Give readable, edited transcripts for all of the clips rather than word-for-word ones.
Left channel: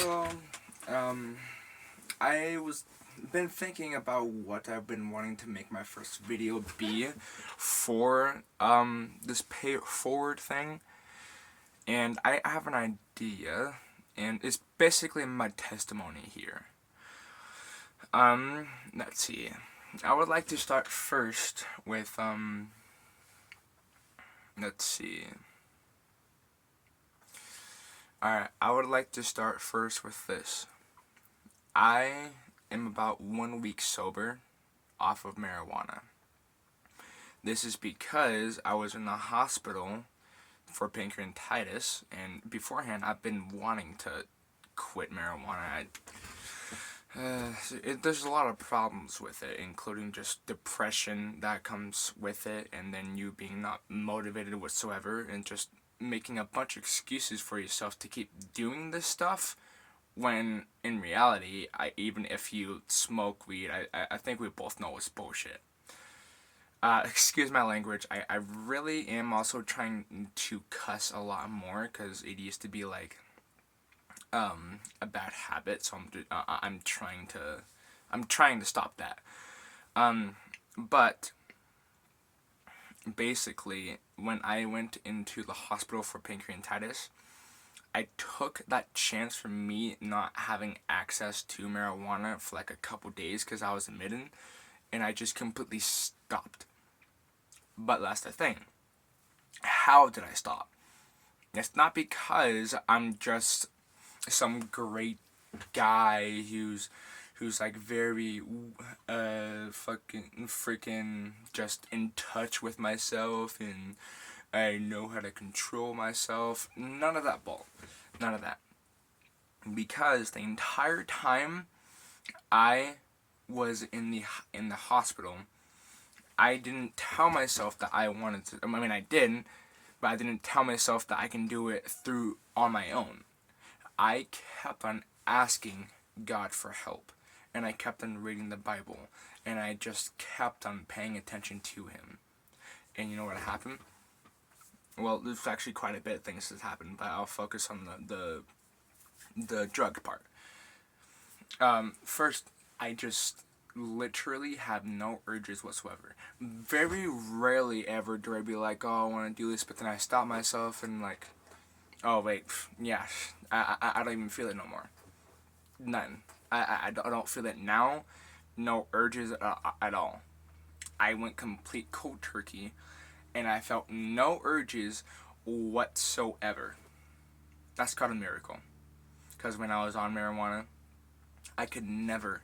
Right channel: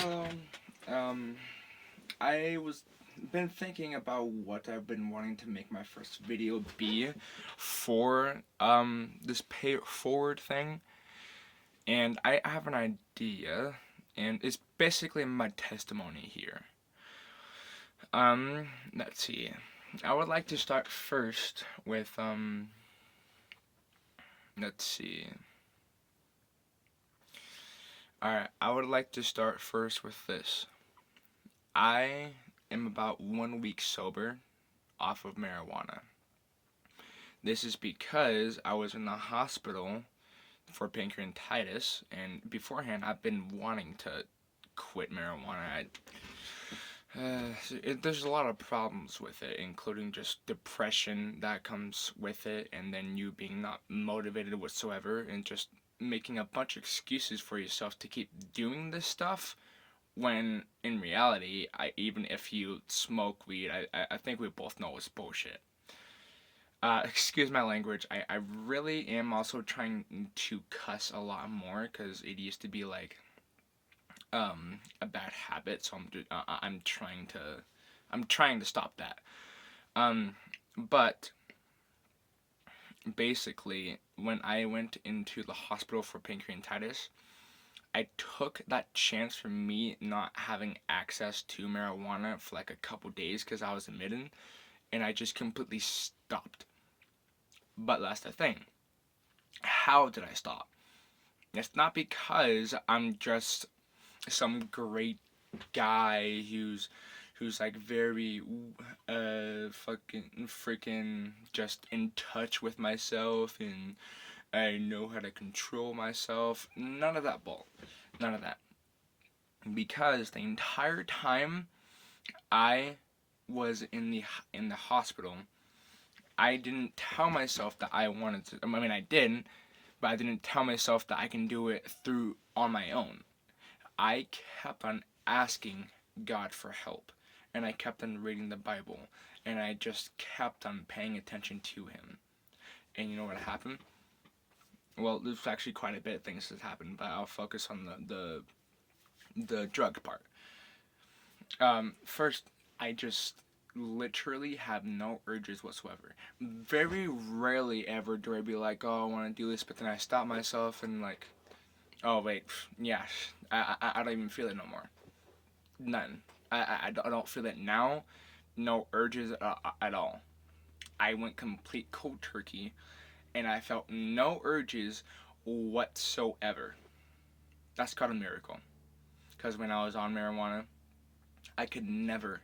Hello. Um, I was been thinking about what I've been wanting to make my first video be for this pay it forward thing, and I have an idea, and it's basically my testimony here. Let's see. I would like to start first with let's see. Alright, I would like to start first with this. I am about 1 week sober off of marijuana. This is because I was in the hospital for pancreatitis, and beforehand I've been wanting to quit marijuana. There's a lot of problems with it, including just depression that comes with it, and then you being not motivated whatsoever, and just making a bunch of excuses for yourself to keep doing this stuff, when in reality, even if you smoke weed, I think we both know it's bullshit. Excuse my language. I really am also trying to cuss a lot more because it used to be like a bad habit. So I'm trying to stop that. But basically, when I went into the hospital for pancreatitis, I took that chance from me not having access to marijuana for like a couple days because I was admitted, and I just completely stopped. But that's the thing. How did I stop? It's not because I'm just some great guy who's like very fucking freaking just in touch with myself and I know how to control myself. None of that bull. None of that. Because the entire time I was in the hospital, I didn't tell myself that I wanted to. I mean, I didn't, but I didn't tell myself that I can do it through on my own. I kept on asking God for help, and I kept on reading the Bible, and I just kept on paying attention to Him. And you know what happened? Well, there's actually quite a bit of things that happened, but I'll focus on the drug part. First, I just literally have no urges whatsoever. Very rarely ever do I be like, oh, I want to do this, but then I stop myself and like, oh wait, yeah, I don't even feel it no more. None. I don't feel it now. No urges at all. I went complete cold turkey, and I felt no urges whatsoever. That's called a miracle. Because when I was on marijuana, I could never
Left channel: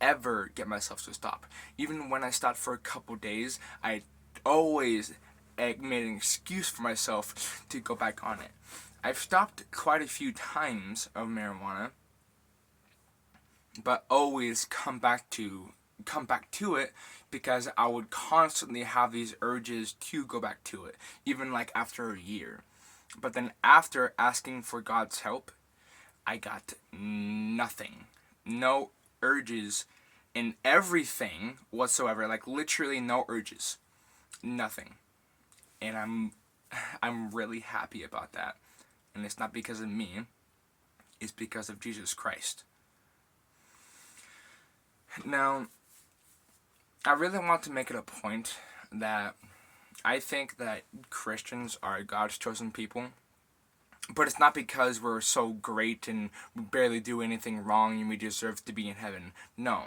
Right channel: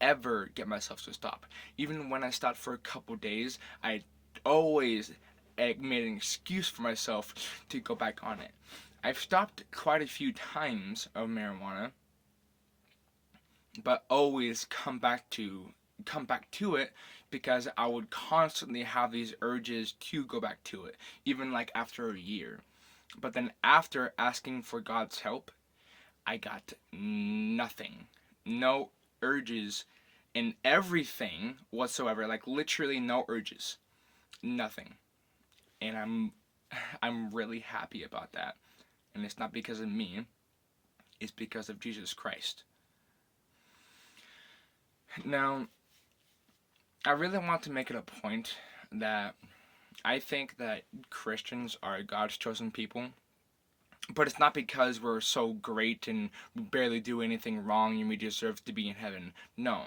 ever get myself to stop. Even when I stopped for a couple days, I always made an excuse for myself to go back on it. I've stopped quite a few times of marijuana, but always come back to it because I would constantly have these urges to go back to it, even like after a year. But then after asking for God's help, I got nothing. No urges in everything whatsoever, like literally no urges. Nothing. And I'm really happy about that. And it's not because of me, it's because of Jesus Christ. Now, I really want to make it a point that I think that Christians are God's chosen people, but it's not because we're so great and we barely do anything wrong and we deserve to be in heaven. No.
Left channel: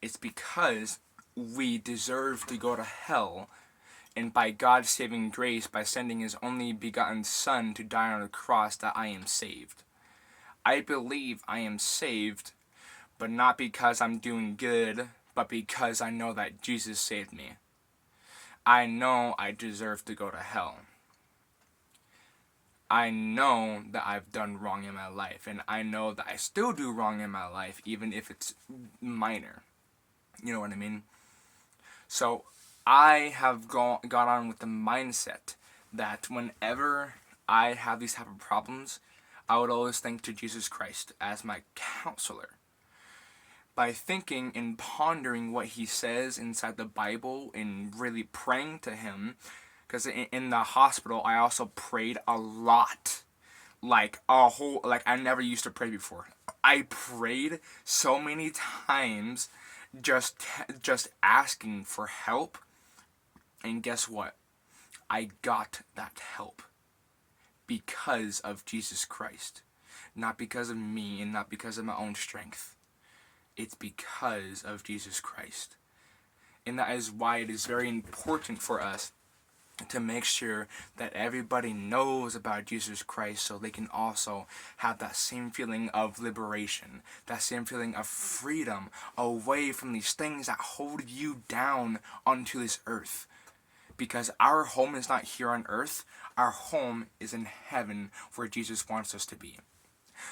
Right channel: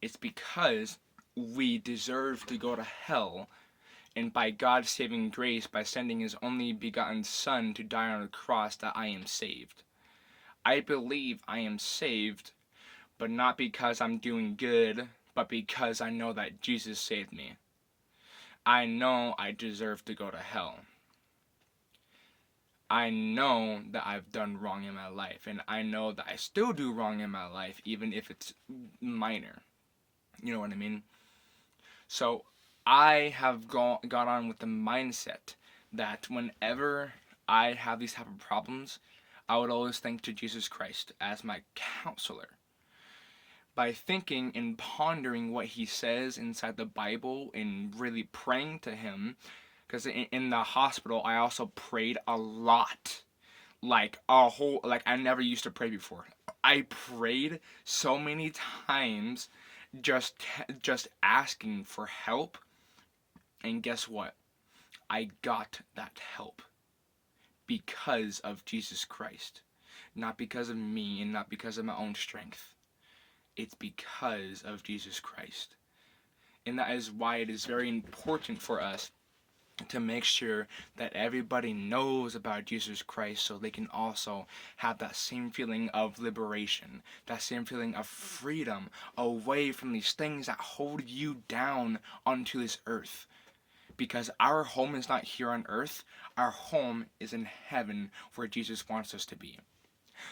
It's because we deserve to go to hell, and by God's saving grace, by sending His only begotten Son to die on the cross, that I am saved. I believe I am saved, but not because I'm doing good, but because I know that Jesus saved me. I know I deserve to go to hell. I know that I've done wrong in my life, and I know that I still do wrong in my life, even if it's minor. You know what I mean? So I have got on with the mindset that whenever I have these type of problems, I would always think to Jesus Christ as my counselor. By thinking and pondering what He says inside the Bible and really praying to Him, because in the hospital I also prayed a lot. like a whole, like I never used to pray before. I prayed so many times just asking for help, and guess what? I got that help because of Jesus Christ. Not because of me and not because of my own strength. It's because of Jesus Christ. And that is why it is very important for us to make sure that everybody knows about Jesus Christ, so they can also have that same feeling of liberation, that same feeling of freedom away from these things that hold you down onto this earth. Because our home is not here on earth, our home is in heaven, where Jesus wants us to be.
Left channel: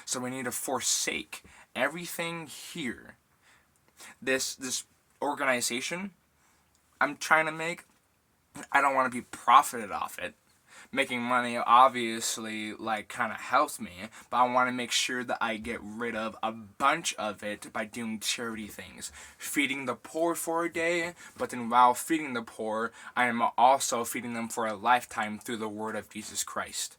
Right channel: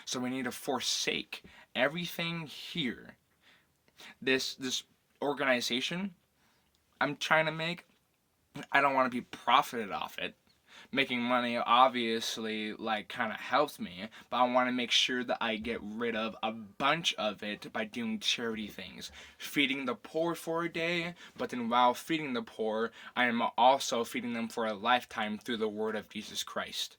So we need to forsake everything here. This organization I'm trying to make, I don't want to be profited off it. Making money obviously like kind of helps me, but I want to make sure that I get rid of a bunch of it by doing charity things. Feeding the poor for a day, but then while feeding the poor, I am also feeding them for a lifetime through the word of Jesus Christ.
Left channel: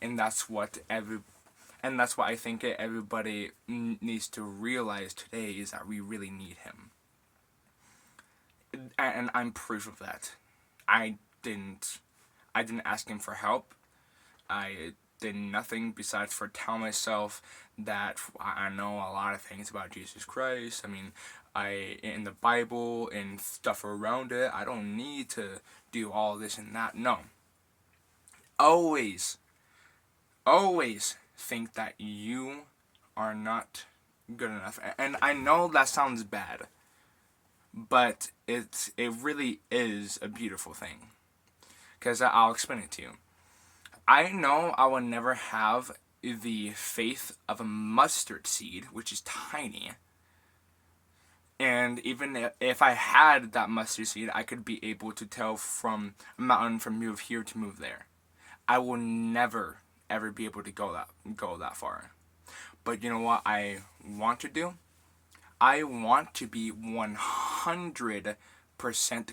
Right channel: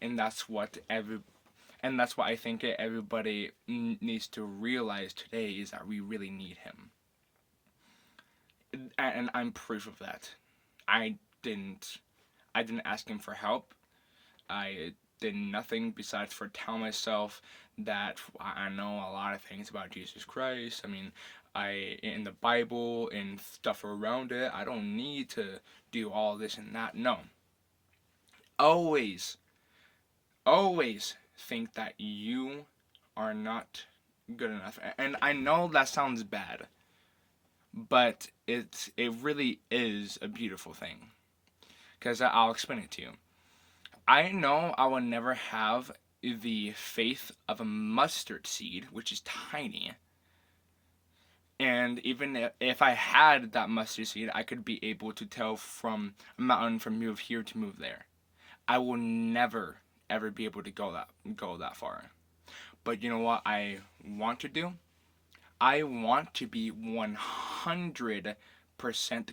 And that's what I think everybody needs to realize today, is that we really need him. And I'm proof of that. I didn't ask him for help. I did nothing besides for tell myself that I know a lot of things about Jesus Christ. I mean, in the Bible and stuff around it, I don't need to do all this and that. No. Always think that you are not good enough. And I know that sounds bad, but it really is a beautiful thing. Because I'll explain it to you. I know I will never have the faith of a mustard seed, which is tiny. And even if I had that mustard seed, I could be able to tell from a mountain from move here to move there. I will never, ever be able to go that far. But you know what I want to do? I want to be 100%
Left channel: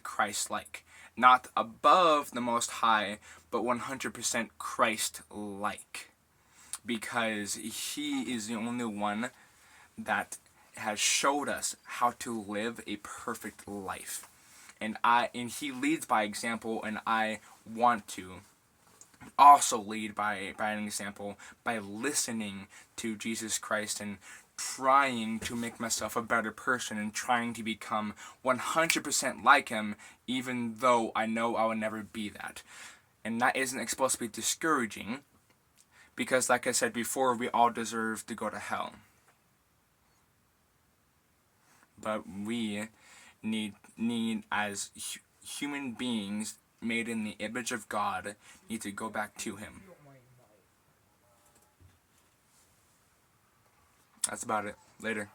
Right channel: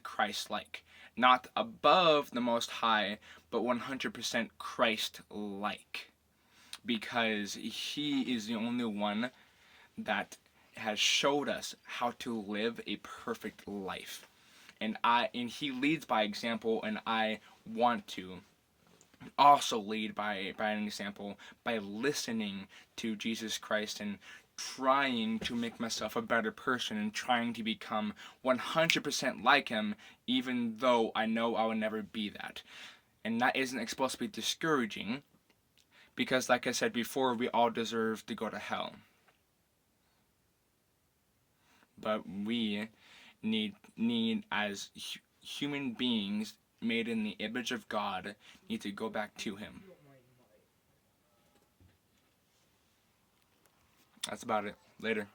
Christ-like. Not above the Most High, but 100% Christ-like. Because he is the only one that has showed us how to live a perfect life. And he leads by example, and I want to also lead by an example, by listening to Jesus Christ and trying to make myself a better person and trying to become 100% like him, even though I know I will never be that. And that isn't supposed to be discouraging, because like I said before, we all deserve to go to hell. But we need as human beings made in the image of God, need to go back to him. That's about it. Later.